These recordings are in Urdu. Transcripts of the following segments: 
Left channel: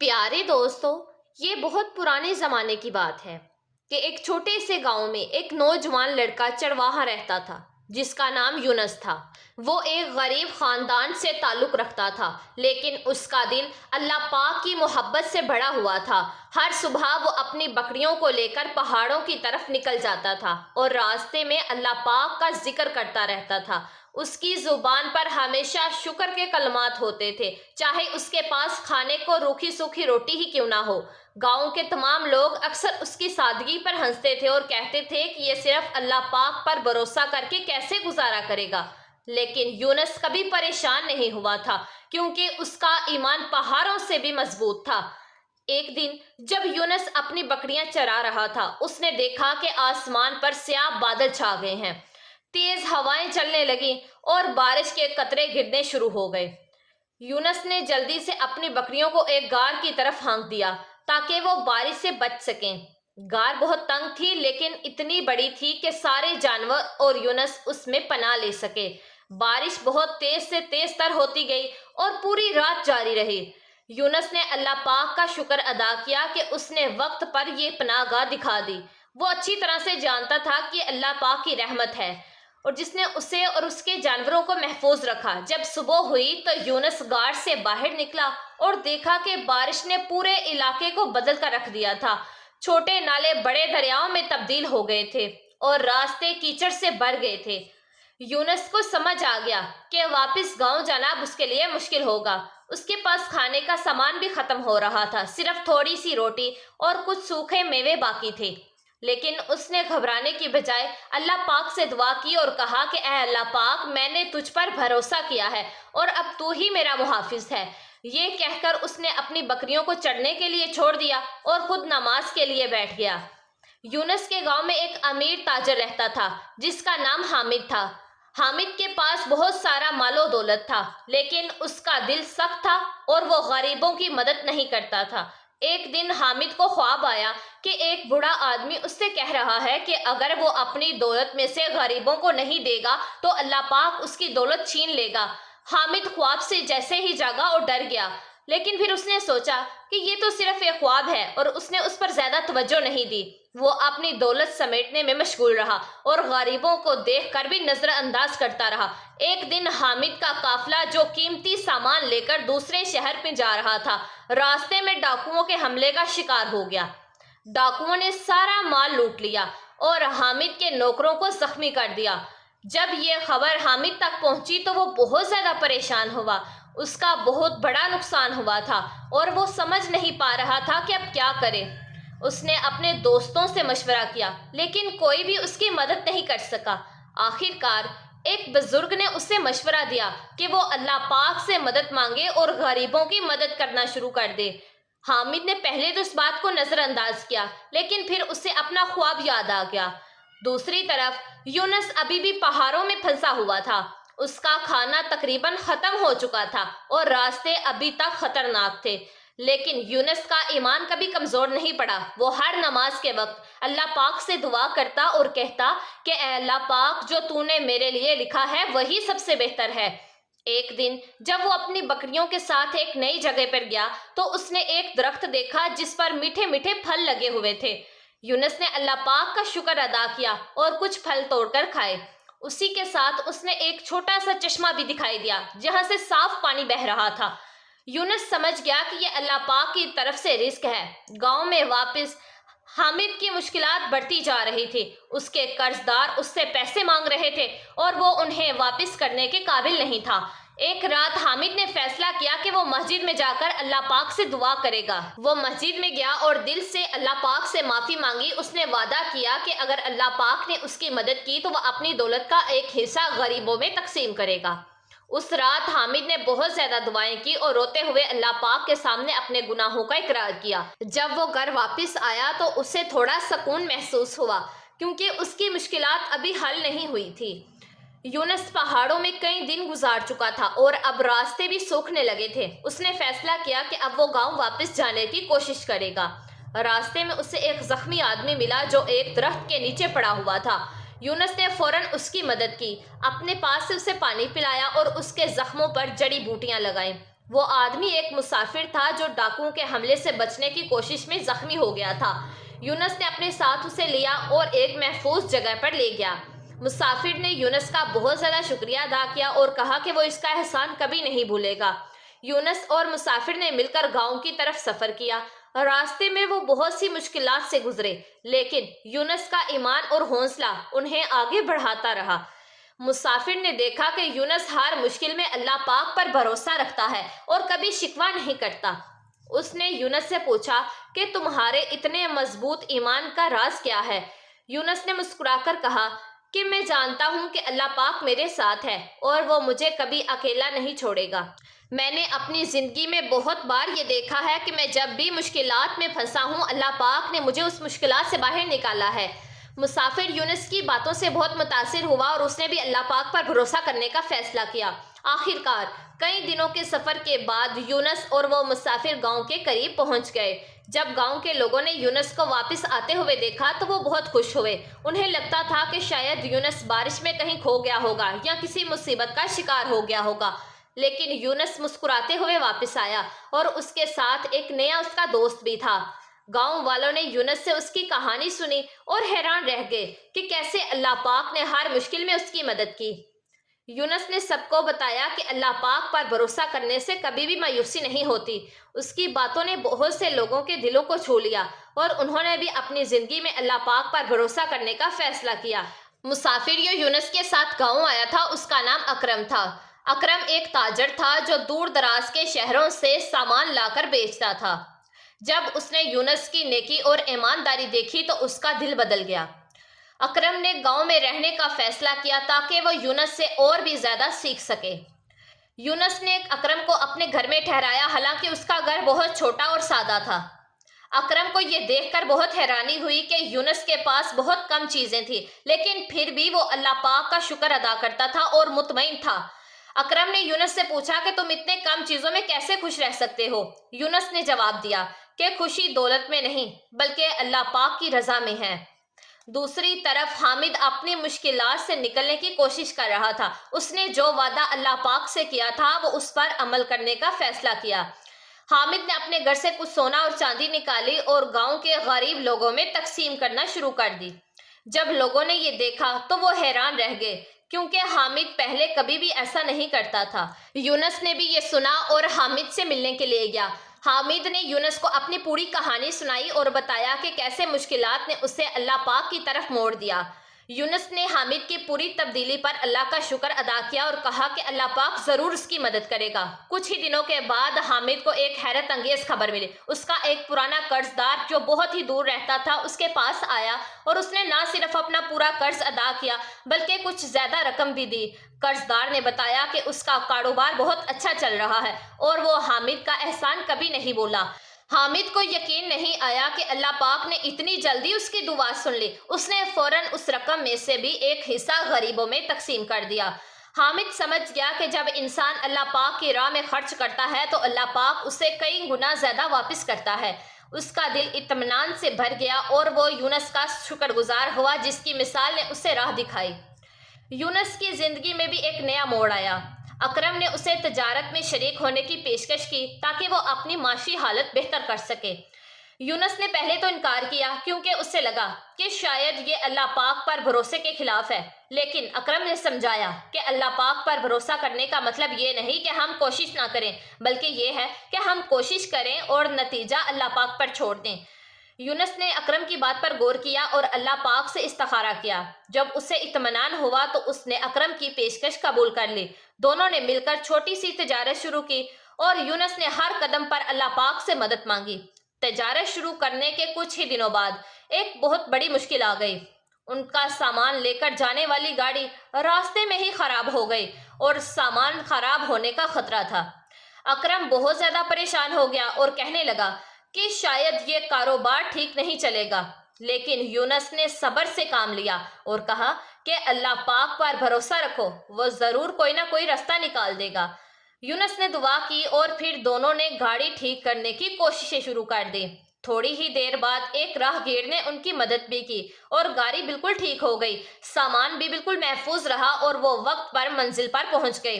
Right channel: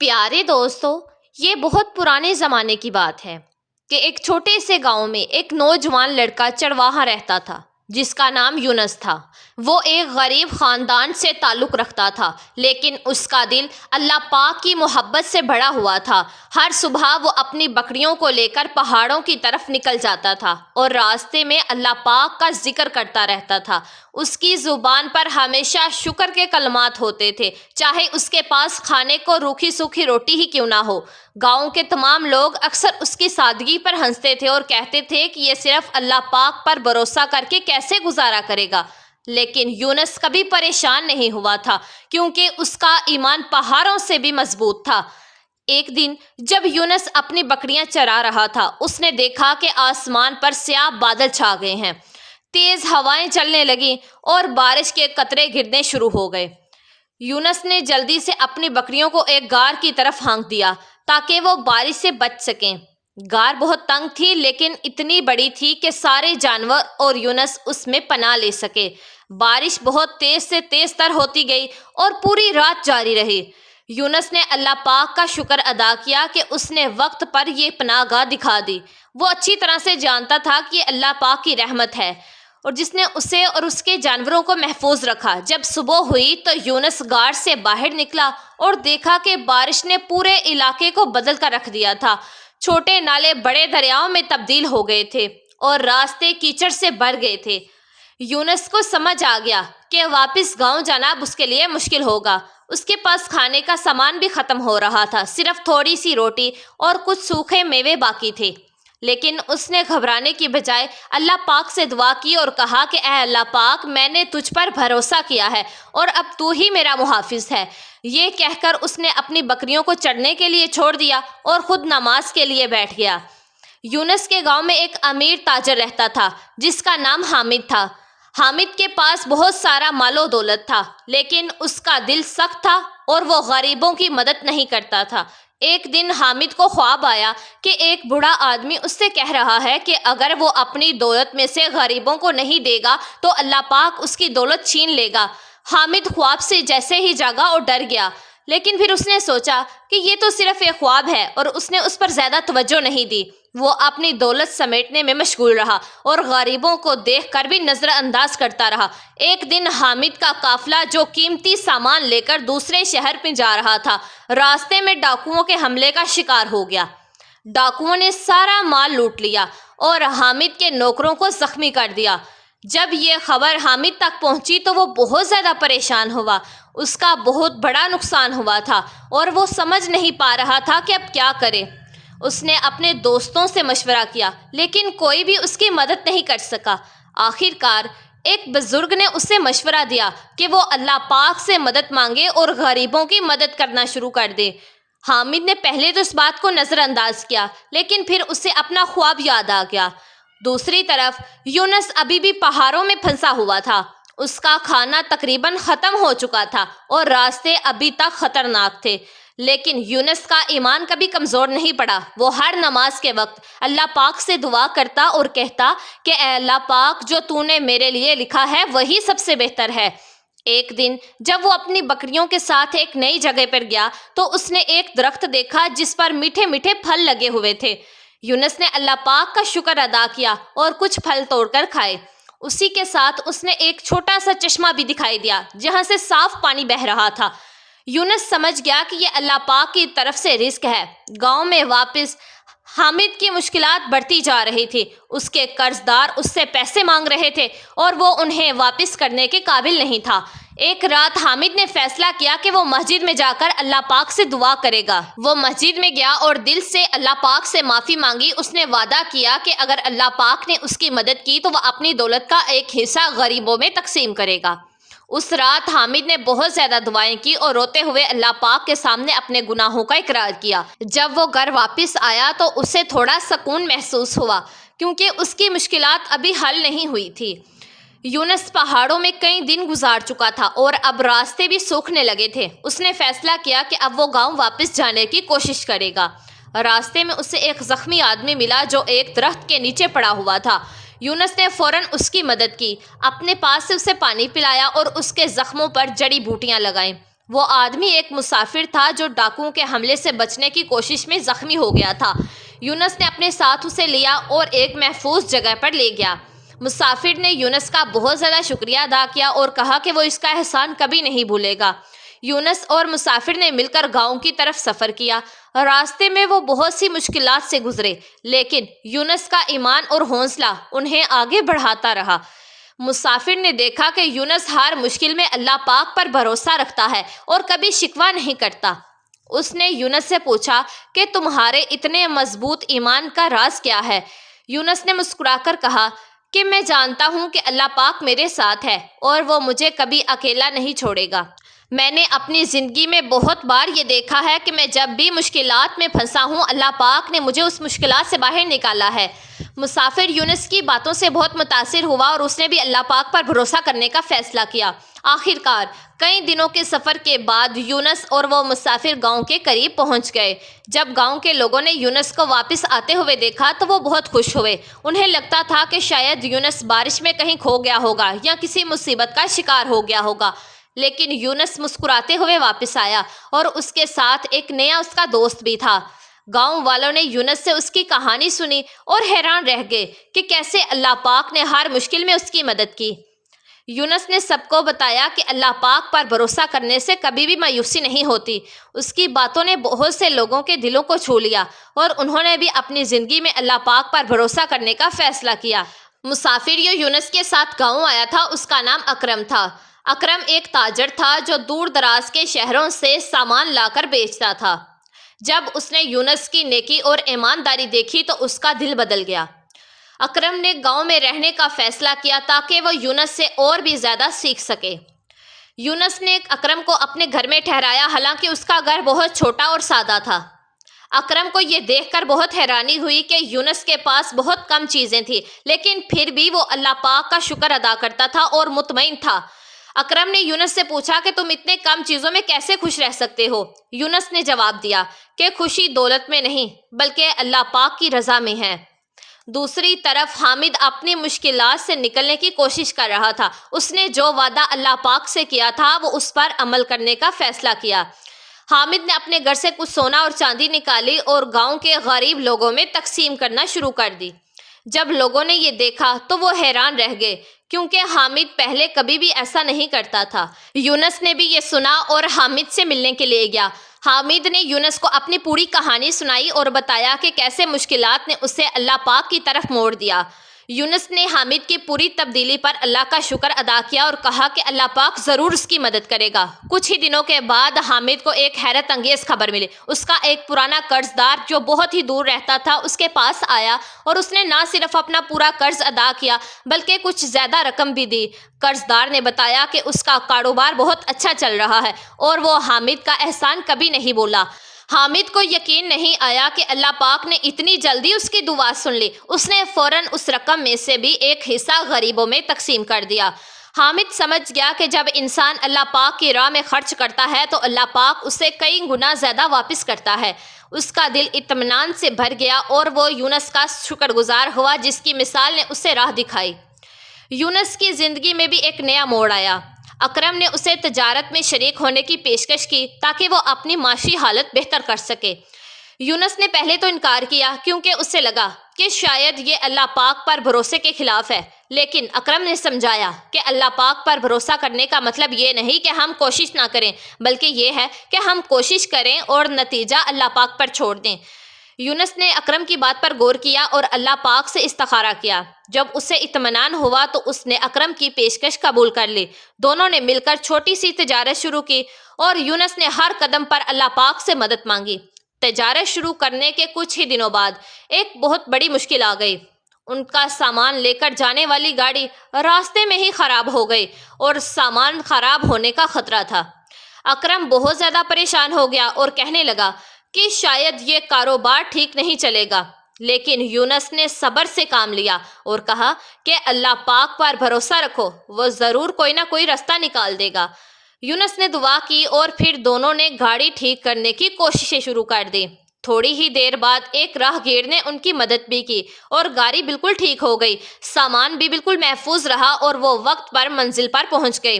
پیارے دوستو، یہ بہت پرانے زمانے کی بات ہے کہ ایک چھوٹے سے گاؤں میں ایک نوجوان لڑکا چرواہا رہتا تھا جس کا نام یونس تھا۔ وہ ایک غریب خاندان سے تعلق رکھتا تھا، لیکن اس کا دل اللہ پاک کی محبت سے بھرا ہوا تھا۔ ہر صبح وہ اپنی بکریوں کو لے کر پہاڑوں کی طرف نکل جاتا تھا اور راستے میں اللہ پاک کا ذکر کرتا رہتا تھا۔ اس کی زبان پر ہمیشہ شکر کے کلمات ہوتے تھے، چاہے اس کے پاس کھانے کو روکھی سوکھی روٹی ہی کیوں نہ ہو۔ گاؤں کے تمام لوگ اکثر اس کی سادگی پر ہنستے تھے اور کہتے تھے کہ یہ صرف اللہ پاک پر بھروسہ کر کے کیسے گزارا کرے گا۔ لیکن یونس کبھی پریشان نہیں ہوا تھا، کیونکہ اس کا ایمان پہاڑوں سے بھی مضبوط تھا۔ ایک دن جب یونس اپنی بکریاں چرا رہا تھا، اس نے دیکھا کہ آسمان پر سیاہ بادل چھا گئے ہیں، تیز ہوائیں چلنے لگیں اور بارش کے قطرے گرنے شروع ہو گئے۔ یونس نے جلدی سے اپنی بکریوں کو ایک غار کی طرف ہانک دیا تاکہ وہ بارش سے بچ سکیں۔ غار بہت تنگ تھی، لیکن اتنی بڑی تھی کہ سارے جانور اور یونس اس میں پناہ لے سکے۔ بارش بہت تیز سے تیز تر ہوتی گئی اور پوری رات جاری رہی۔ یونس نے اللہ پاک کا شکر ادا کیا کہ اس نے وقت پر یہ پناہ گاہ دکھا دی۔ وہ اچھی طرح سے جانتا تھا کہ یہ اللہ پاک کی رحمت ہے اور جس نے اسے اور اس کے جانوروں کو محفوظ رکھا۔ جب صبح ہوئی تو یونس غار سے باہر نکلا اور دیکھا کہ بارش نے پورے علاقے کو بدل کر رکھ دیا تھا۔ چھوٹے نالے بڑے دریاؤں میں تبدیل ہو گئے تھے اور راستے کیچڑ سے بھر گئے تھے۔ یونس کو سمجھ آ گیا کہ واپس گاؤں جانا اس کے لیے مشکل ہوگا۔ اس کے پاس کھانے کا سامان بھی ختم ہو رہا تھا، صرف تھوڑی سی روٹی اور کچھ سوکھے میوے باقی تھے۔ لیکن اس نے گھبرانے کی بجائے اللہ پاک سے دعا کی اور کہا کہ اے اللہ پاک، میں نے تجھ پر بھروسہ کیا ہے اور اب تو ہی میرا محافظ ہے۔ یہ کہہ کر اس نے اپنی بکریوں کو چرنے کے لیے چھوڑ دیا اور خود نماز کے لیے بیٹھ گیا۔ یونس کے گاؤں میں ایک امیر تاجر رہتا تھا جس کا نام حامد تھا۔ حامد کے پاس بہت سارا مال و دولت تھا، لیکن اس کا دل سخت تھا اور وہ غریبوں کی مدد نہیں کرتا تھا۔ ایک دن حامد کو خواب آیا کہ ایک بوڑھا آدمی اس سے کہہ رہا ہے کہ اگر وہ اپنی دولت میں سے غریبوں کو نہیں دے گا تو اللہ پاک اس کی دولت چھین لے گا۔ حامد خواب سے جیسے ہی جاگا اور ڈر گیا، لیکن پھر اس نے سوچا کہ یہ تو صرف ایک خواب ہے اور اس نے اس پر زیادہ توجہ نہیں دی۔ وہ اپنی دولت سمیٹنے میں مشغول رہا اور غریبوں کو دیکھ کر بھی نظر انداز کرتا رہا۔ ایک دن حامد کا قافلہ جو قیمتی سامان لے کر دوسرے شہر میں جا رہا تھا، راستے میں ڈاکوؤں کے حملے کا شکار ہو گیا۔ ڈاکوؤں نے سارا مال لوٹ لیا اور حامد کے نوکروں کو زخمی کر دیا۔ جب یہ خبر حامد تک پہنچی تو وہ بہت زیادہ پریشان ہوا۔ اس کا بہت بڑا نقصان ہوا تھا اور وہ سمجھ نہیں پا رہا تھا کہ اب کیا کرے۔ اس نے اپنے دوستوں سے مشورہ کیا، لیکن کوئی بھی اس کی مدد نہیں کر سکا۔ آخر کار ایک بزرگ نے اسے مشورہ دیا کہ وہ اللہ پاک سے مدد مانگے اور غریبوں کی مدد کرنا شروع کر دے۔ حامد نے پہلے تو اس بات کو نظر انداز کیا، لیکن پھر اسے اپنا خواب یاد آ گیا۔ دوسری طرف یونس ابھی بھی پہاڑوں میں پھنسا ہوا تھا۔ اس کا کھانا تقریباً ختم ہو چکا تھا اور راستے ابھی تک خطرناک تھے، لیکن یونس کا ایمان کبھی کمزور نہیں پڑا۔ وہ ہر نماز کے وقت اللہ پاک سے دعا کرتا اور کہتا کہ اے اللہ پاک، جو تو نے میرے لیے لکھا ہے وہی سب سے بہتر ہے۔ ایک دن جب وہ اپنی بکریوں کے ساتھ ایک نئی جگہ پر گیا تو اس نے ایک درخت دیکھا جس پر میٹھے میٹھے پھل لگے ہوئے تھے۔ یونس نے اللہ پاک کا شکر ادا کیا اور کچھ پھل توڑ کر کھائے۔ اسی کے ساتھ اس نے ایک چھوٹا سا چشمہ بھی دکھائی دیا جہاں سے صاف پانی بہہ رہا تھا۔ یونس سمجھ گیا کہ یہ اللہ پاک کی طرف سے رزق ہے۔ گاؤں میں واپس حامد کی مشکلات بڑھتی جا رہی تھی۔ اس کے قرض دار اس سے پیسے مانگ رہے تھے اور وہ انہیں واپس کرنے کے قابل نہیں تھا۔ ایک رات حامد نے فیصلہ کیا کہ وہ مسجد میں جا کر اللہ پاک سے دعا کرے گا۔ وہ مسجد میں گیا اور دل سے اللہ پاک سے معافی مانگی۔ اس نے وعدہ کیا کہ اگر اللہ پاک نے اس کی مدد کی تو وہ اپنی دولت کا ایک حصہ غریبوں میں تقسیم کرے گا۔ اس رات حامد نے بہت زیادہ دعائیں کی اور روتے ہوئے اللہ پاک کے سامنے اپنے گناہوں کا اقرار کیا۔ جب وہ گھر واپس آیا تو اسے تھوڑا سکون محسوس ہوا، کیونکہ اس کی مشکلات ابھی حل نہیں ہوئی تھی۔ یونس پہاڑوں میں کئی دن گزار چکا تھا اور اب راستے بھی سوکھنے لگے تھے۔ اس نے فیصلہ کیا کہ اب وہ گاؤں واپس جانے کی کوشش کرے گا۔ راستے میں اسے ایک زخمی آدمی ملا جو ایک درخت کے نیچے پڑا ہوا تھا۔ یونس نے فوراً اس کی مدد کی، اپنے پاس سے اسے پانی پلایا اور اس کے زخموں پر جڑی بوٹیاں لگائیں۔ وہ آدمی ایک مسافر تھا جو ڈاکوؤں کے حملے سے بچنے کی کوشش میں زخمی ہو گیا تھا۔ یونس نے اپنے ساتھ اسے لیا اور ایک محفوظ جگہ پر لے گیا۔ مسافر نے یونس کا بہت زیادہ شکریہ ادا کیا اور کہا کہ وہ اس کا احسان کبھی نہیں بھولے گا۔ یونس اور مسافر نے مل کر گاؤں کی طرف سفر کیا۔ راستے میں وہ بہت سی مشکلات سے گزرے، لیکن یونس کا ایمان اور حوصلہ انہیں آگے بڑھاتا رہا۔ مسافر نے دیکھا کہ یونس ہر مشکل میں اللہ پاک پر بھروسہ رکھتا ہے اور کبھی شکوہ نہیں کرتا۔ اس نے یونس سے پوچھا کہ تمہارے اتنے مضبوط ایمان کا راز کیا ہے؟ یونس نے مسکرا کر کہا کہ میں جانتا ہوں کہ اللہ پاک میرے ساتھ ہے اور وہ مجھے کبھی اکیلا نہیں چھوڑے گا۔ میں نے اپنی زندگی میں بہت بار یہ دیکھا ہے کہ میں جب بھی مشکلات میں پھنسا ہوں، اللہ پاک نے مجھے اس مشکلات سے باہر نکالا ہے۔ مسافر یونس کی باتوں سے بہت متاثر ہوا اور اس نے بھی اللہ پاک پر بھروسہ کرنے کا فیصلہ کیا۔ آخر کار کئی دنوں کے سفر کے بعد یونس اور وہ مسافر گاؤں کے قریب پہنچ گئے۔ جب گاؤں کے لوگوں نے یونس کو واپس آتے ہوئے دیکھا تو وہ بہت خوش ہوئے۔ انہیں لگتا تھا کہ شاید یونس بارش میں کہیں کھو گیا ہوگا یا کسی مصیبت کا شکار ہو گیا ہوگا، لیکن یونس مسکراتے ہوئے واپس آیا اور اس کے ساتھ ایک نیا اس کا دوست بھی تھا۔ گاؤں والوں نے یونس سے اس کی کہانی سنی اور حیران رہ گئے کہ کیسے اللہ پاک نے ہر مشکل میں اس کی مدد کی۔ یونس نے سب کو بتایا کہ اللہ پاک پر بھروسہ کرنے سے کبھی بھی مایوسی نہیں ہوتی۔ اس کی باتوں نے بہت سے لوگوں کے دلوں کو چھو لیا اور انہوں نے بھی اپنی زندگی میں اللہ پاک پر بھروسہ کرنے کا فیصلہ کیا۔ مسافر جو یونس کے ساتھ گاؤں آیا تھا اس کا نام اکرم تھا۔ اکرم ایک تاجر تھا جو دور دراز کے شہروں سے سامان لا کر بیچتا تھا۔ جب اس نے یونس کی نیکی اور ایمانداری دیکھی تو اس کا دل بدل گیا۔ اکرم نے گاؤں میں رہنے کا فیصلہ کیا تاکہ وہ یونس سے اور بھی زیادہ سیکھ سکے۔ یونس نے اکرم کو اپنے گھر میں ٹھہرایا، حالانکہ اس کا گھر بہت چھوٹا اور سادہ تھا۔ اکرم کو یہ دیکھ کر بہت حیرانی ہوئی کہ یونس کے پاس بہت کم چیزیں تھیں، لیکن پھر بھی وہ اللہ پاک کا شکر ادا کرتا تھا اور مطمئن تھا۔ اکرم نے یونس سے پوچھا کہ تم اتنے کم چیزوں میں کیسے خوش رہ سکتے ہو؟ یونس نے جواب دیا کہ خوشی دولت میں نہیں بلکہ اللہ پاک کی رضا میں ہے۔ دوسری طرف حامد اپنی مشکلات سے نکلنے کی کوشش کر رہا تھا۔ اس نے جو وعدہ اللہ پاک سے کیا تھا وہ اس پر عمل کرنے کا فیصلہ کیا۔ حامد نے اپنے گھر سے کچھ سونا اور چاندی نکالی اور گاؤں کے غریب لوگوں میں تقسیم کرنا شروع کر دی۔ جب لوگوں نے یہ دیکھا تو وہ حیران رہ گئے، کیونکہ حامد پہلے کبھی بھی ایسا نہیں کرتا تھا۔ یونس نے بھی یہ سنا اور حامد سے ملنے کے لیے گیا۔ حامد نے یونس کو اپنی پوری کہانی سنائی اور بتایا کہ کیسے مشکلات نے اسے اللہ پاک کی طرف موڑ دیا۔ یونس نے حامد کی پوری تبدیلی پر اللہ کا شکر ادا کیا اور کہا کہ اللہ پاک ضرور اس کی مدد کرے گا۔ کچھ ہی دنوں کے بعد حامد کو ایک حیرت انگیز خبر ملی۔ اس کا ایک پرانا قرض دار جو بہت ہی دور رہتا تھا اس کے پاس آیا اور اس نے نہ صرف اپنا پورا قرض ادا کیا بلکہ کچھ زیادہ رقم بھی دی۔ قرض دار نے بتایا کہ اس کا کاروبار بہت اچھا چل رہا ہے اور وہ حامد کا احسان کبھی نہیں بولا۔ حامد کو یقین نہیں آیا کہ اللہ پاک نے اتنی جلدی اس کی دعا سن لی۔ اس نے فوراً اس رقم میں سے بھی ایک حصہ غریبوں میں تقسیم کر دیا۔ حامد سمجھ گیا کہ جب انسان اللہ پاک کی راہ میں خرچ کرتا ہے تو اللہ پاک اسے کئی گنا زیادہ واپس کرتا ہے۔ اس کا دل اطمینان سے بھر گیا اور وہ یونس کا شکر گزار ہوا جس کی مثال نے اسے راہ دکھائی۔ یونس کی زندگی میں بھی ایک نیا موڑ آیا۔ اکرم نے اسے تجارت میں شریک ہونے کی پیشکش کی تاکہ وہ اپنی معاشی حالت بہتر کر سکے۔ یونس نے پہلے تو انکار کیا کیونکہ اسے لگا کہ شاید یہ اللہ پاک پر بھروسے کے خلاف ہے، لیکن اکرم نے سمجھایا کہ اللہ پاک پر بھروسہ کرنے کا مطلب یہ نہیں کہ ہم کوشش نہ کریں، بلکہ یہ ہے کہ ہم کوشش کریں اور نتیجہ اللہ پاک پر چھوڑ دیں۔ یونس نے اکرم کی بات پر غور کیا اور اللہ پاک سے استخارہ کیا۔ جب اسے اطمینان ہوا تو اس نے اکرم کی پیشکش قبول کر لی۔ دونوں نے مل کر چھوٹی سی تجارت شروع کی اور یونس نے ہر قدم پر اللہ پاک سے مدد مانگی۔ تجارت شروع کرنے کے کچھ ہی دنوں بعد ایک بہت بڑی مشکل آ گئی۔ ان کا سامان لے کر جانے والی گاڑی راستے میں ہی خراب ہو گئی اور سامان خراب ہونے کا خطرہ تھا۔ اکرم بہت زیادہ پریشان ہو گیا اور کہنے لگا کہ شاید یہ کاروبار ٹھیک نہیں چلے گا، لیکن یونس نے صبر سے کام لیا اور کہا کہ اللہ پاک پر بھروسہ رکھو، وہ ضرور کوئی نہ کوئی راستہ نکال دے گا۔ یونس نے دعا کی اور پھر دونوں نے گاڑی ٹھیک کرنے کی کوششیں شروع کر دی۔ تھوڑی ہی دیر بعد ایک راہگیر نے ان کی مدد بھی کی اور گاڑی بالکل ٹھیک ہو گئی۔ سامان بھی بالکل محفوظ رہا اور وہ وقت پر منزل پر پہنچ گئے۔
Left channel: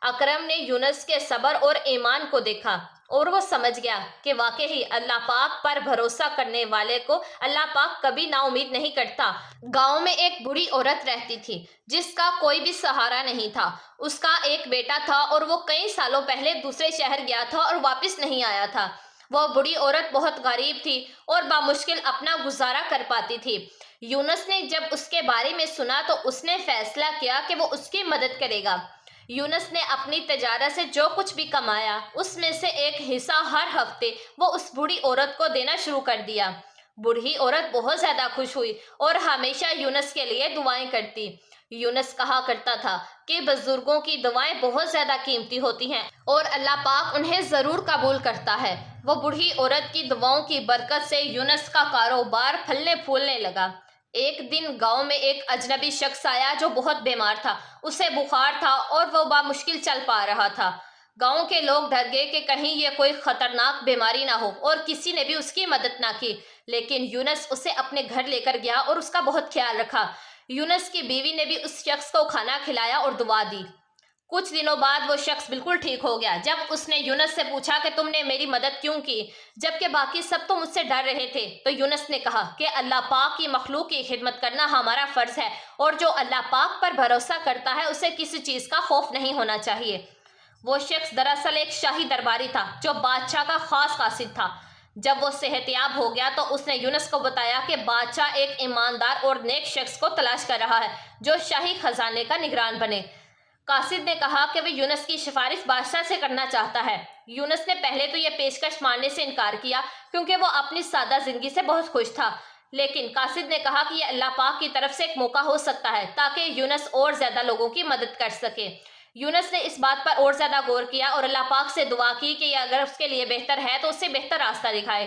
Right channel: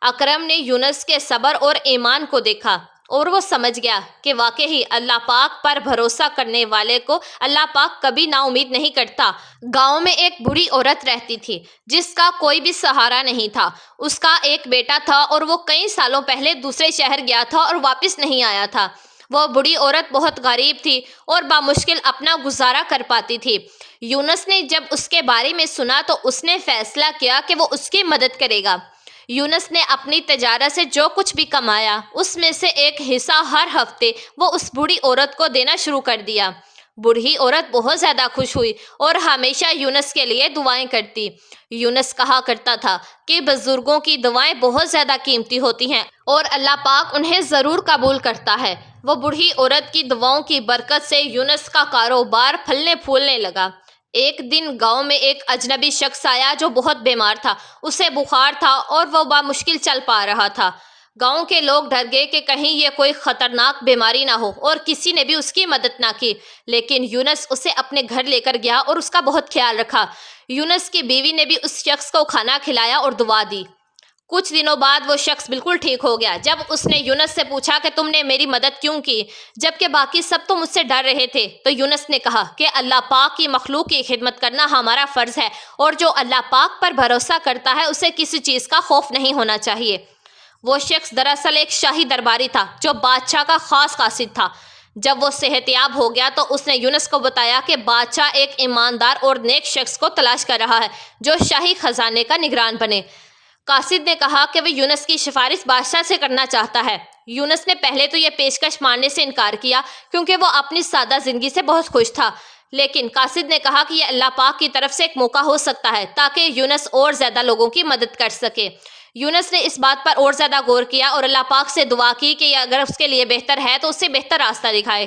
اکرم نے یونس کے صبر اور ایمان کو دیکھا اور وہ سمجھ گیا کہ واقعی اللہ پاک پر بھروسہ کرنے والے کو اللہ پاک کبھی نا امید نہیں کرتا۔ گاؤں میں ایک بوڑھی عورت رہتی تھی جس کا کوئی بھی سہارا نہیں تھا۔ اس کا ایک بیٹا تھا اور وہ کئی سالوں پہلے دوسرے شہر گیا تھا اور واپس نہیں آیا تھا۔ وہ بوڑھی عورت بہت غریب تھی اور بامشکل اپنا گزارا کر پاتی تھی۔ یونس نے جب اس کے بارے میں سنا تو اس نے فیصلہ کیا کہ وہ اس کی مدد کرے گا۔ یونس نے اپنی تجارت سے جو کچھ بھی کمایا اس میں سے ایک حصہ ہر ہفتے وہ اس بوڑھی عورت کو دینا شروع کر دیا۔ بوڑھی عورت بہت زیادہ خوش ہوئی اور ہمیشہ یونس کے لیے دعائیں کرتی۔ یونس کہا کرتا تھا کہ بزرگوں کی دعائیں بہت زیادہ قیمتی ہوتی ہیں اور اللہ پاک انہیں ضرور قبول کرتا ہے۔ وہ بوڑھی عورت کی دعاؤں کی برکت سے یونس کا کاروبار پھلنے پھولنے لگا۔ ایک دن گاؤں میں ایک اجنبی شخص آیا جو بہت بیمار تھا۔ اسے بخار تھا اور وہ بامشکل چل پا رہا تھا۔ گاؤں کے لوگ ڈر گئے کہ کہیں یہ کوئی خطرناک بیماری نہ ہو اور کسی نے بھی اس کی مدد نہ کی، لیکن یونس اسے اپنے گھر لے کر گیا اور اس کا بہت خیال رکھا۔ یونس کی بیوی نے بھی اس شخص کو کھانا کھلایا اور دعا دی۔ کچھ دنوں بعد وہ شخص بالکل ٹھیک ہو گیا۔ جب اس نے یونس سے پوچھا کہ تم نے میری مدد کیوں کی جبکہ باقی سب تو مجھ سے ڈر رہے تھے، تو یونس نے کہا کہ اللہ پاک کی مخلوق کی خدمت کرنا ہمارا فرض ہے اور جو اللہ پاک پر بھروسہ کرتا ہے اسے کسی چیز کا خوف نہیں ہونا چاہیے۔ وہ شخص دراصل ایک شاہی درباری تھا جو بادشاہ کا خاص قاصد تھا۔ جب وہ صحت یاب ہو گیا تو اس نے یونس کو بتایا کہ بادشاہ ایک ایماندار اور نیک شخص کو تلاش کر رہا ہے جو شاہی خزانے کا نگران بنے۔ قاصد نے کہا کہ وہ یونس کی سفارش بادشاہ سے کرنا چاہتا ہے۔ یونس نے پہلے تو یہ پیشکش ماننے سے انکار کیا کیونکہ وہ اپنی سادہ زندگی سے بہت خوش تھا، لیکن قاصد نے کہا کہ یہ اللہ پاک کی طرف سے ایک موقع ہو سکتا ہے تاکہ یونس اور زیادہ لوگوں کی مدد کر سکے۔ یونس نے اس بات پر اور زیادہ غور کیا اور اللہ پاک سے دعا کی کہ اگر اس کے لیے بہتر ہے تو اسے بہتر راستہ دکھائے۔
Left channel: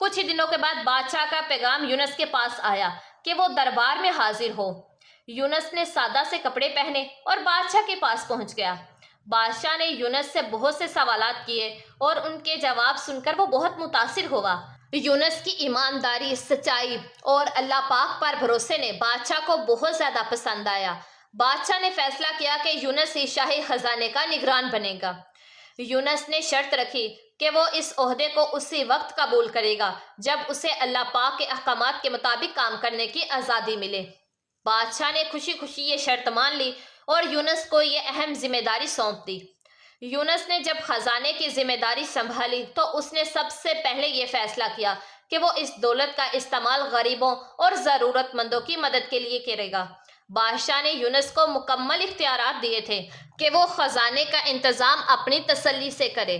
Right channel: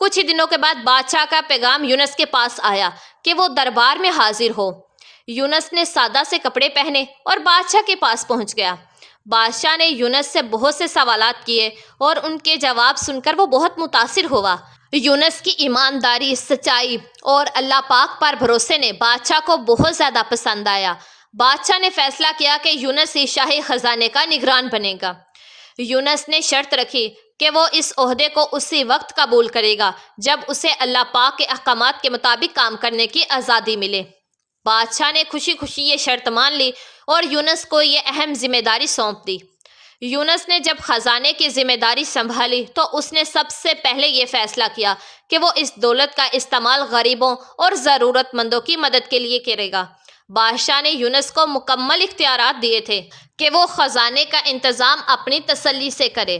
کچھ ہی دنوں کے بعد بادشاہ کا پیغام یونس کے پاس آیا کہ وہ دربار میں حاضر ہو۔ یونس نے سادہ سے کپڑے پہنے اور بادشاہ کے پاس پہنچ گیا۔ بادشاہ نے یونس سے بہت سے سوالات کیے اور ان کے جواب سن کر وہ بہت متاثر ہوا۔ یونس کی ایمانداری، سچائی اور اللہ پاک پر بھروسے نے بادشاہ کو بہت زیادہ پسند آیا۔ بادشاہ نے فیصلہ کیا کہ یونس ہی شاہی خزانے کا نگران بنے گا۔ یونس نے شرط رکھی کہ وہ اس عہدے کو اسی وقت قبول کرے گا جب اسے اللہ پاک کے احکامات کے مطابق کام کرنے کی آزادی ملے۔ بادشاہ نے خوشی خوشی یہ شرط مان لی اور یونس کو یہ اہم ذمہ داری سونپ دی۔ یونس نے جب خزانے کی ذمہ داری سنبھالی تو اس نے سب سے پہلے یہ فیصلہ کیا کہ وہ اس دولت کا استعمال غریبوں اور ضرورت مندوں کی مدد کے لیے کرے گا۔ بادشاہ نے یونس کو مکمل اختیارات دیے تھے کہ وہ خزانے کا انتظام اپنی تسلی سے کرے۔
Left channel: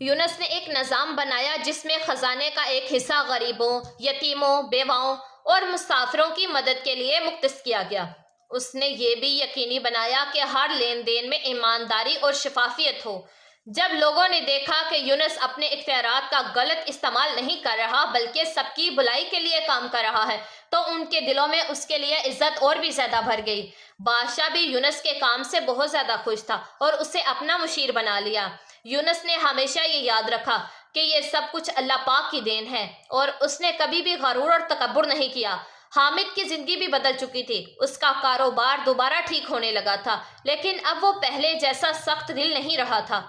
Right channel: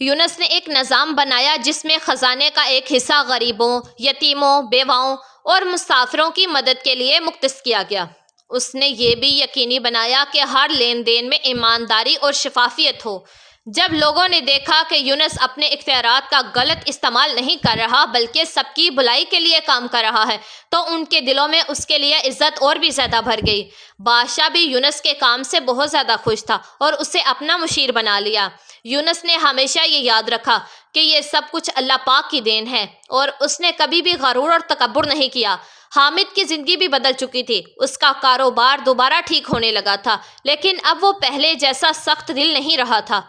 یونس نے ایک نظام بنایا جس میں خزانے کا ایک حصہ غریبوں، یتیموں، بیواؤں اور مسافروں کی مدد کے لیے مختص کیا گیا۔ اس نے یہ بھی یقینی بنایا کہ ہر لین دین میں ایمانداری اور شفافیت ہو۔ جب لوگوں نے دیکھا کہ یونس اپنے اختیارات کا غلط استعمال نہیں کر رہا بلکہ سب کی بھلائی کے لیے کام کر رہا ہے تو ان کے دلوں میں اس کے لیے عزت اور بھی زیادہ بھر گئی۔ بادشاہ بھی یونس کے کام سے بہت زیادہ خوش تھا اور اسے اپنا مشیر بنا لیا۔ یونس نے ہمیشہ یہ یاد رکھا کہ یہ سب کچھ اللہ پاک کی دین ہے اور اس نے کبھی بھی غرور اور تکبر نہیں کیا۔ حامد کی زندگی بھی بدل چکی تھی۔ اس کا کاروبار دوبارہ ٹھیک ہونے لگا تھا لیکن اب وہ پہلے جیسا سخت دل نہیں رہا تھا۔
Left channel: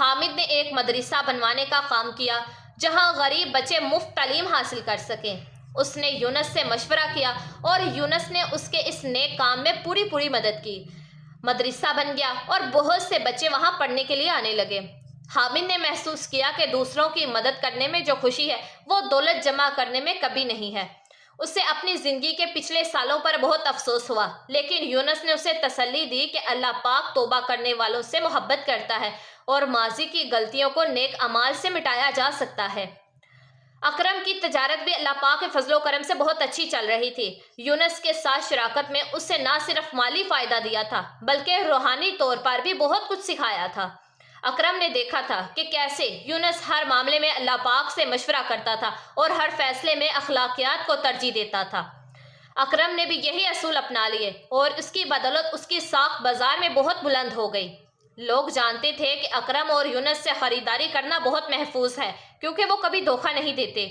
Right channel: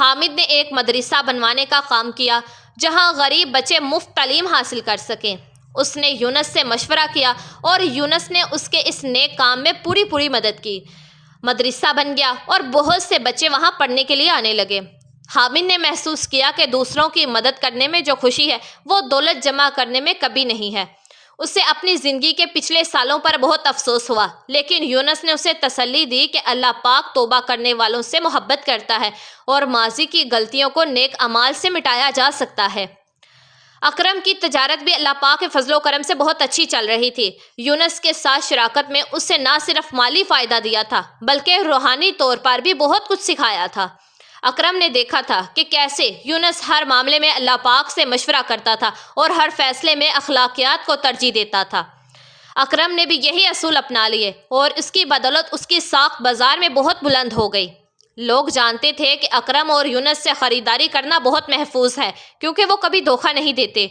حامد نے ایک مدرسہ بنوانے کا کام کیا جہاں غریب بچے مفت تعلیم حاصل کر سکیں۔ اس نے یونس سے مشورہ کیا اور یونس نے اس کے اس نیک کام میں پوری مدد کی۔ مدرسہ بن گیا اور بہت سے بچے وہاں پڑھنے کے لیے آنے لگے۔ حامد نے محسوس کیا کہ دوسروں کی مدد کرنے میں جو خوشی ہے وہ دولت جمع کرنے میں کبھی نہیں ہے۔ اسے اپنی زندگی کے پچھلے سالوں پر بہت افسوس ہوا، لیکن یونس نے اسے تسلی دی کہ اللہ پاک توبہ کرنے والوں سے محبت کرتا ہے اور ماضی کی غلطیوں کو نیک اعمال سے مٹایا جا سکتا ہے۔ اکرم کی تجارت بھی اللہ پاک کے فضل و کرم سے بہت اچھی چل رہی تھی۔ یونس کے ساتھ شراکت میں اسے نہ صرف مالی فائدہ دیا تھا بلکہ روحانی طور پر بھی بہت کچھ سکھایا تھا۔ اکرم نے دیکھا تھا کہ کیسے یونس ہر معاملے میں اللہ پاک سے مشورہ کرتا تھا اور ہر فیصلے میں اخلاقیات کو ترجیح دیتا تھا۔ اکرم نے بھی یہی اصول اپنا لیے اور اس کی بدولت اس کی ساکھ بازار میں بہت بلند ہو گئی۔ لوگ جانتے تھے کہ اکرم اور یونس سے خریداری کرنا بہت محفوظ ہے کیونکہ وہ کبھی دھوکہ نہیں دیتے۔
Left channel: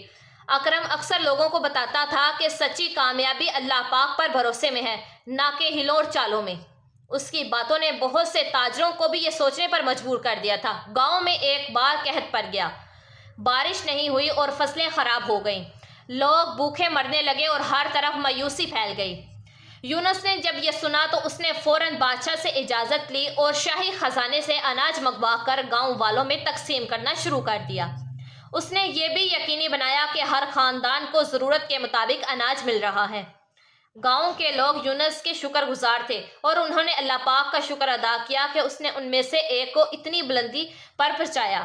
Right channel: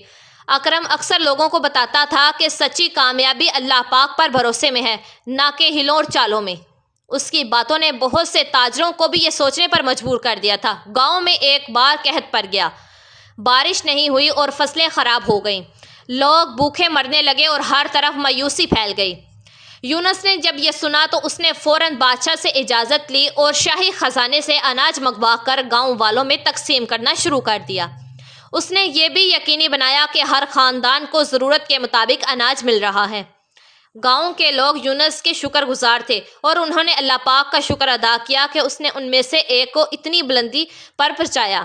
اکرم اکثر لوگوں کو بتاتا تھا کہ سچی کامیابی اللہ پاک پر بھروسے میں ہے، نہ کہ ہیلوں اور چالوں میں۔ اس کی باتوں نے بہت سے تاجروں کو بھی یہ سوچنے پر مجبور کر دیا تھا۔ گاؤں میں ایک بار قحط پڑ گیا، بارش نہیں ہوئی اور فصلیں خراب ہو گئیں۔ لوگ بھوکے مرنے لگے اور ہر طرف مایوسی پھیل گئی۔ یونس نے جب یہ سنا تو اس نے فوراً بادشاہ سے اجازت لی اور شاہی خزانے سے اناج منگوا کر گاؤں والوں میں تقسیم کرنا شروع کر دیا۔ اس نے یہ بھی یقینی بنایا کہ ہر خاندان کو ضرورت کے مطابق اناج مل رہا ہے۔ گاؤں کے لوگ یونس کے شکر گزار تھے اور انہوں نے اللہ پاک کا شکر ادا کیا کہ اس نے ان میں سے ایک کو اتنی بلندی پر پہنچایا۔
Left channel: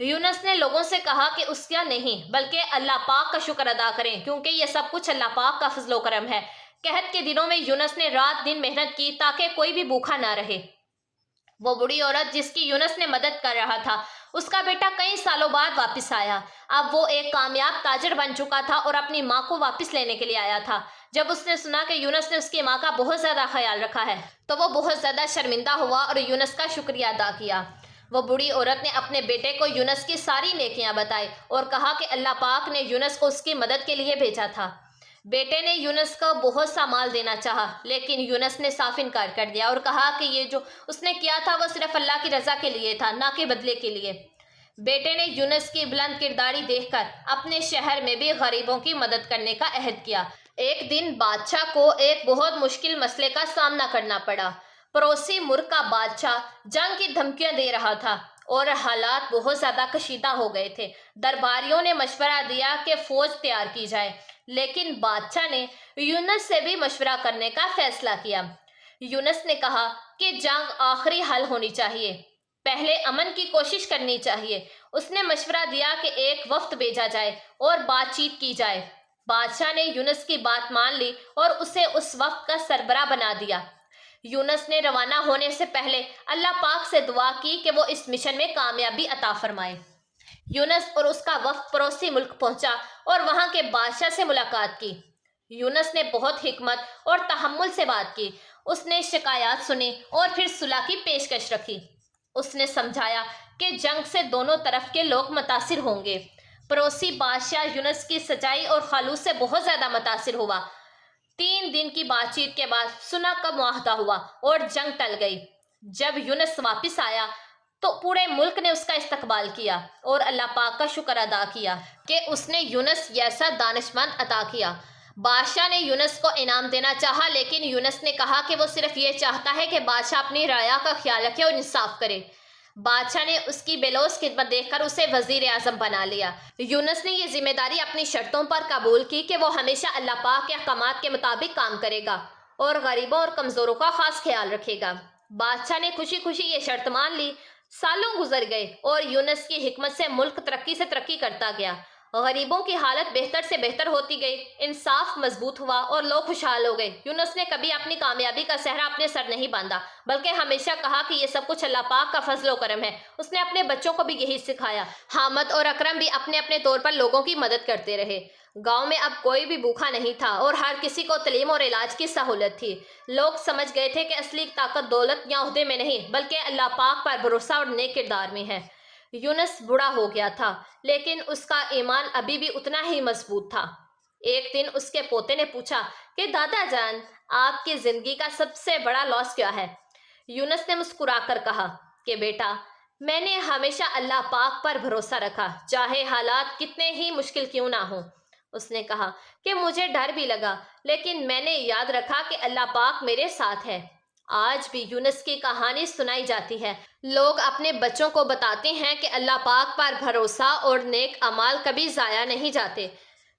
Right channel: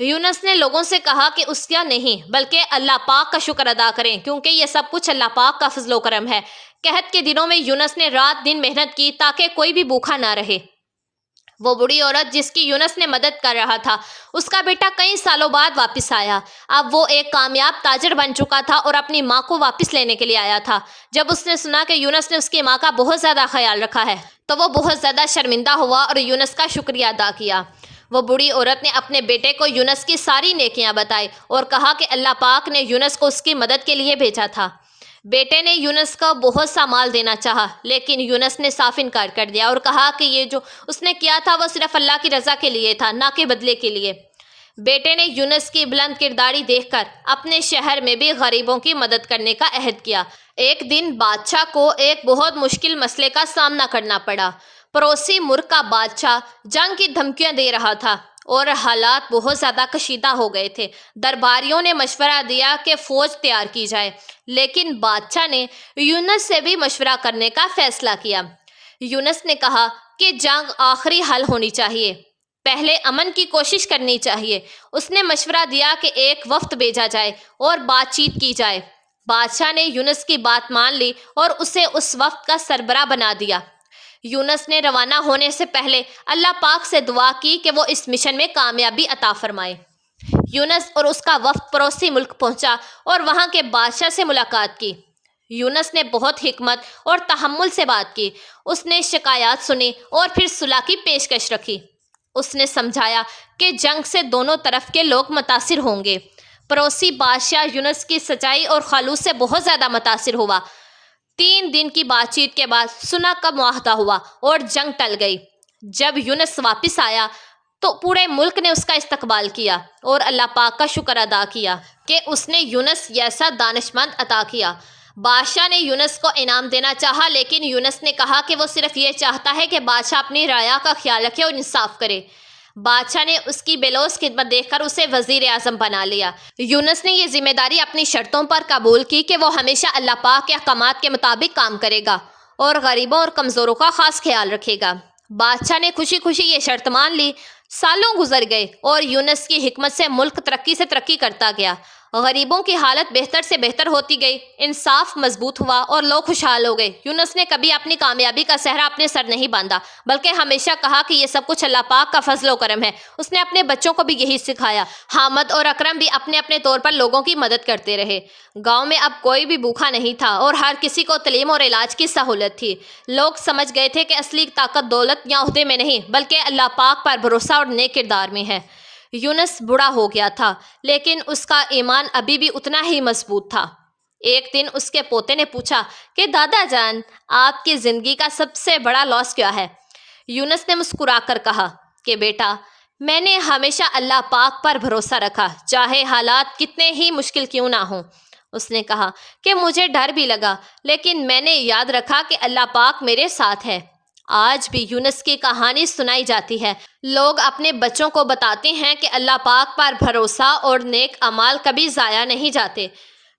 یونس نے لوگوں سے کہا کہ اس کا نہیں بلکہ اللہ پاک کا شکر ادا کریں، کیونکہ یہ سب کچھ اللہ پاک کا فضل و کرم ہے۔ قحط کے دنوں میں یونس نے رات دن محنت کی تاکہ کوئی بھی بھوکا نہ رہے۔ وہ بوڑھی عورت جس کی یونس نے مدد کر رہا تھا، اس کا بیٹا کئی سالوں بعد واپس آیا۔ اب وہ ایک کامیاب تاجر بن چکا تھا اور اپنی ماں کو واپس لینے کے لیے آیا تھا۔ جب اس نے سنا کہ یونس نے اس کی ماں کا بہت زیادہ خیال رکھا ہے تو وہ بہت زیادہ شرمندہ ہوا اور یونس کا شکریہ ادا کیا۔ وہ بوڑھی عورت نے اپنے بیٹے کو یونس کی ساری نیکیاں بتائی اور کہا کہ اللہ پاک نے یونس کو اس کی مدد کے لیے بھیجا تھا۔ بیٹے نے یونس کو بہت سا مال دینا چاہا، لیکن یونس نے صاف انکار کر دیا اور کہا کہ یہ جو اس نے کیا تھا وہ صرف اللہ کی رضا کے لیے تھا، نہ کہ بدلے کے لیے۔ بیٹے نے یونس کی بلند کرداری دیکھ کر اپنے شہر میں بھی غریبوں کی مدد کرنے کا عہد کیا۔ ایک دن بادشاہ کو ایک بہت مشکل مسئلے کا سامنا کرنا پڑا۔ پڑوسی ملک کا بادشاہ جنگ کی دھمکیاں دے رہا تھا اور حالات بہت زیادہ کشیدہ ہو گئے تھے۔ درباریوں نے مشورہ دیا کہ فوج تیار کی جائے، لیکن بادشاہ نے یونس سے بھی مشورہ کرنے کا فیصلہ کیا۔ یونس نے کہا کہ جنگ آخری حل ہونی چاہیے، پہلے امن کی کوشش کرنی چاہیے۔ اس نے مشورہ دیا کہ ایک وفد بھیجا جائے اور بات چیت کی جائے۔ بادشاہ نے یونس کی بات مان لی اور اسے اس وفد کا سربراہ بنا دیا۔ یونس نے روانہ ہونے سے پہلے اللہ پاک سے دعا کی کہ وہ اس مشن میں کامیابی عطا فرمائے۔ یونس اور اس کا وفد پڑوسی ملک پہنچا اور وہاں کے بادشاہ سے ملاقات کی۔ یونس نے بہت حکمت اور تحمل سے بات کی۔ اس نے شکایات سنی اور پھر صلح کی پیشکش رکھی۔ اس نے سمجھایا کہ جنگ سے دونوں طرف کے لوگ متاثر ہوں گے۔ پڑوسی بادشاہ یونس کی سچائی اور خلوص سے بہت زیادہ متاثر ہوا۔ 3 دن کی بات چیت کے بعد صلح کا معاہدہ ہوا اور جنگ ٹل گئی۔ جب یونس واپس آیا تو پورے ملک نے اس کا استقبال کیا اور اللہ پاک کا شکر ادا کیا کہ اس نے یونس جیسا دانشمند عطا کیا۔ بادشاہ نے یونس کو انعام دینا چاہا، لیکن یونس نے کہا کہ وہ صرف یہ چاہتا ہے کہ بادشاہ اپنی رعایا کا خیال رکھے اور انصاف کرے۔ بادشاہ نے اس کی بے لوث خدمت دیکھ کر اسے وزیر اعظم بنا لیا۔ یونس نے یہ ذمہ داری اپنی شرطوں پر قبول کی کہ وہ ہمیشہ اللہ پاک کے احکامات کے مطابق کام کرے گا اور غریبوں اور کمزوروں کا خاص خیال رکھے گا۔ بادشاہ نے خوشی خوشی یہ شرط مان لی۔ سالوں گزر گئے اور یونس کی حکمت سے ملک ترقی سے ترقی کرتا گیا۔ غریبوں کی حالت بہتر سے بہتر ہوتی گئی، انصاف مضبوط ہوا اور لوگ خوشحال ہو گئے۔ یونس نے کبھی اپنی کامیابی کا صحرا اپنے سر نہیں باندھا، بلکہ ہمیشہ کہا کہ یہ سب کچھ اللہ پاک کا فضل و کرم ہے۔ اس نے اپنے بچوں کو بھی یہی سکھایا۔ حامد اور اکرم بھی اپنے اپنے طور پر لوگوں کی مدد کرتے رہے۔ گاؤں میں اب کوئی بھی بھوکا نہیں تھا اور ہر کسی کو تعلیم اور علاج کی سہولت تھی۔ لوگ سمجھ گئے تھے کہ اصلی طاقت دولت یا عہدے میں نہیں بلکہ اللہ پاک پر بھروسہ اور نیک کردار میں ہے۔ یونس بوڑھا ہو گیا تھا، لیکن اس کا ایمان ابھی بھی اتنا ہی مضبوط تھا۔ ایک دن اس کے پوتے نے پوچھا کہ دادا جان، آپ کی زندگی کا سب سے بڑا لاس کیا ہے؟ یونس نے مسکرا کر کہا کہ بیٹا، میں نے ہمیشہ اللہ پاک پر بھروسہ رکھا، چاہے حالات کتنے ہی مشکل کیوں نہ ہوں۔ اس نے کہا کہ مجھے ڈر بھی لگا، لیکن میں نے یاد رکھا کہ اللہ پاک میرے ساتھ ہے۔ آج بھی یونس کی کہانی سنائی جاتی ہے۔ لوگ اپنے بچوں کو بتاتے ہیں کہ اللہ پاک پر بھروسہ اور نیک اعمال کبھی ضائع نہیں جاتے۔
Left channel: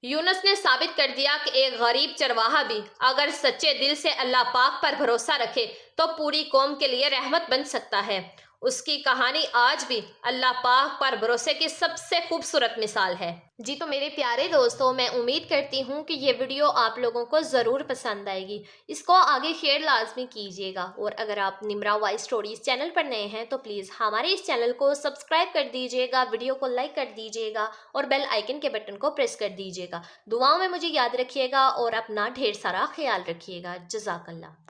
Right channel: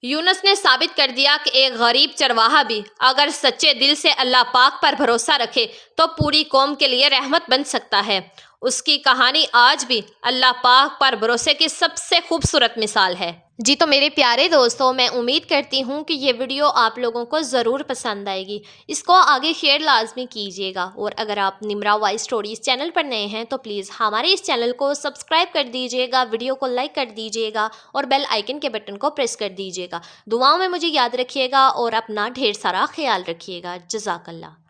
یونس نے ثابت کر دیا کہ ایک غریب چرواہا بھی اگر سچے دل سے اللہ پاک پر بھروسہ رکھے تو پوری قوم کے لیے رحمت بن سکتا ہے۔ اس کی کہانی آج بھی اللہ پاک پر بھروسے کی سب سے خوبصورت مثال ہے۔ جی تو میرے پیارے دوستوں، میں امید کرتی ہوں کہ یہ ویڈیو آپ لوگوں کو ضرور پسند آئے گی۔ اس کو آگے شیئر لازمی کیجیے گا، اور اگر آپ نمرا وائس اسٹوریز چینل پر نئے ہیں تو پلیز ہمارے اس چینل کو سبسکرائب کر دیجیے گا، ویڈیو کو لائک کر دیجیے گا اور بیل آئیکن کے بٹن کو پریس کر دیجیے گا۔ دعاؤں میں مجھے یاد رکھیے گا اور اپنا ڈھیر سارا خیال رکھیے گا۔ جزاک اللہ۔